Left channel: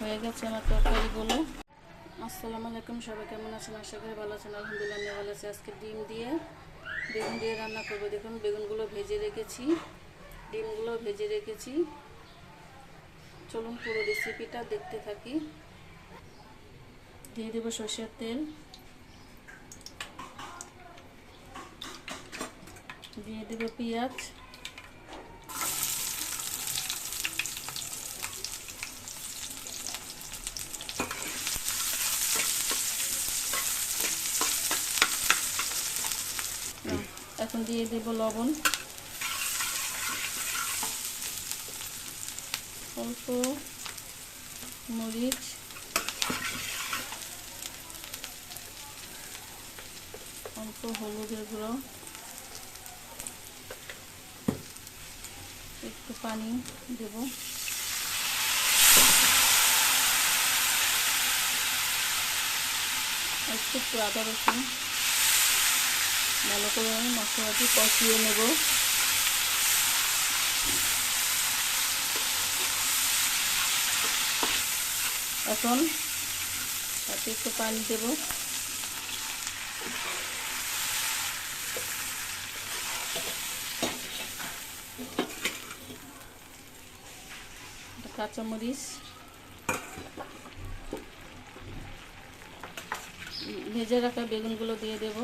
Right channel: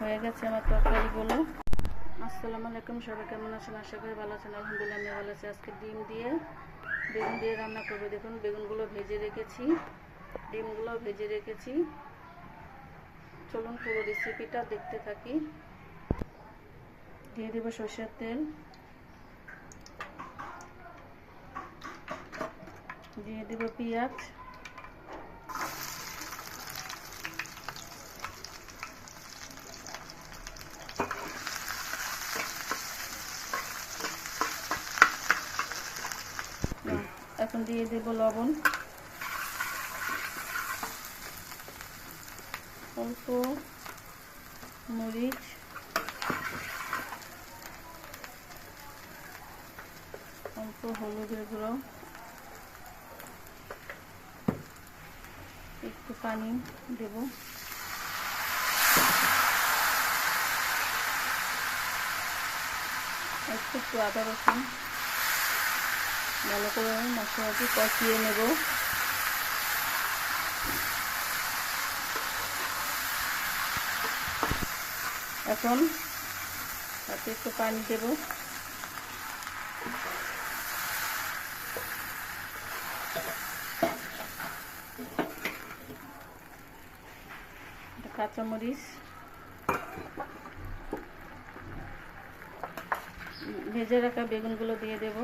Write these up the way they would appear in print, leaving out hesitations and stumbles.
হয়ে গেছে আমার তরকারিগুলো। আসসালামু আলাইকুম, সবাই কেমন আছেন? আশা করি ভালো আছেন। আলহামদুলিল্লাহ আমি ভালো আছি। আজকে বেগুন দিয়ে রান্না করবো। দেখুন বেগুনগুলো ভেজে রেখেছি, ডিমগুলো ভেজে রেখেছি। চলুন পুরো রেসিপিটা দেখতে থাকি। দিয়ে দেবো সরষের তেল, দিয়ে দেবো পেঁয়াজ, এখন দিয়ে দেবো লবণ, অল্প মরিচ, অল্প হলুদের গুঁড়ো, একটু পানি দেব, একটু আদা রসুন ভালো করে মশলাটি কষিয়ে নেব। এখন তাতে একটু পানি দেব, কাঁচামরিচ, ভেজে রাখা বেগুনগুলো দিয়ে দেব।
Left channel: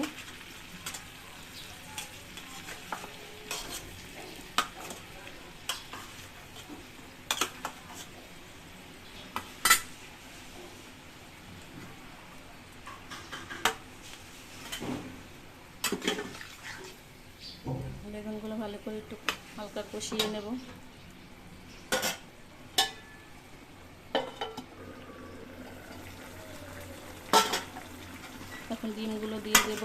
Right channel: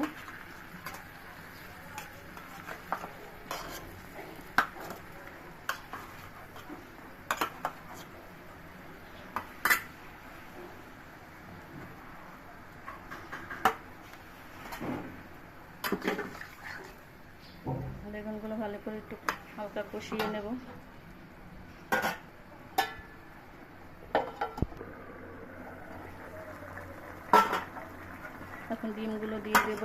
বেগুনগুলো ভালো করে একটু হালকা কষিয়ে নেব। এখন ডিমগুলো দিয়ে দেব।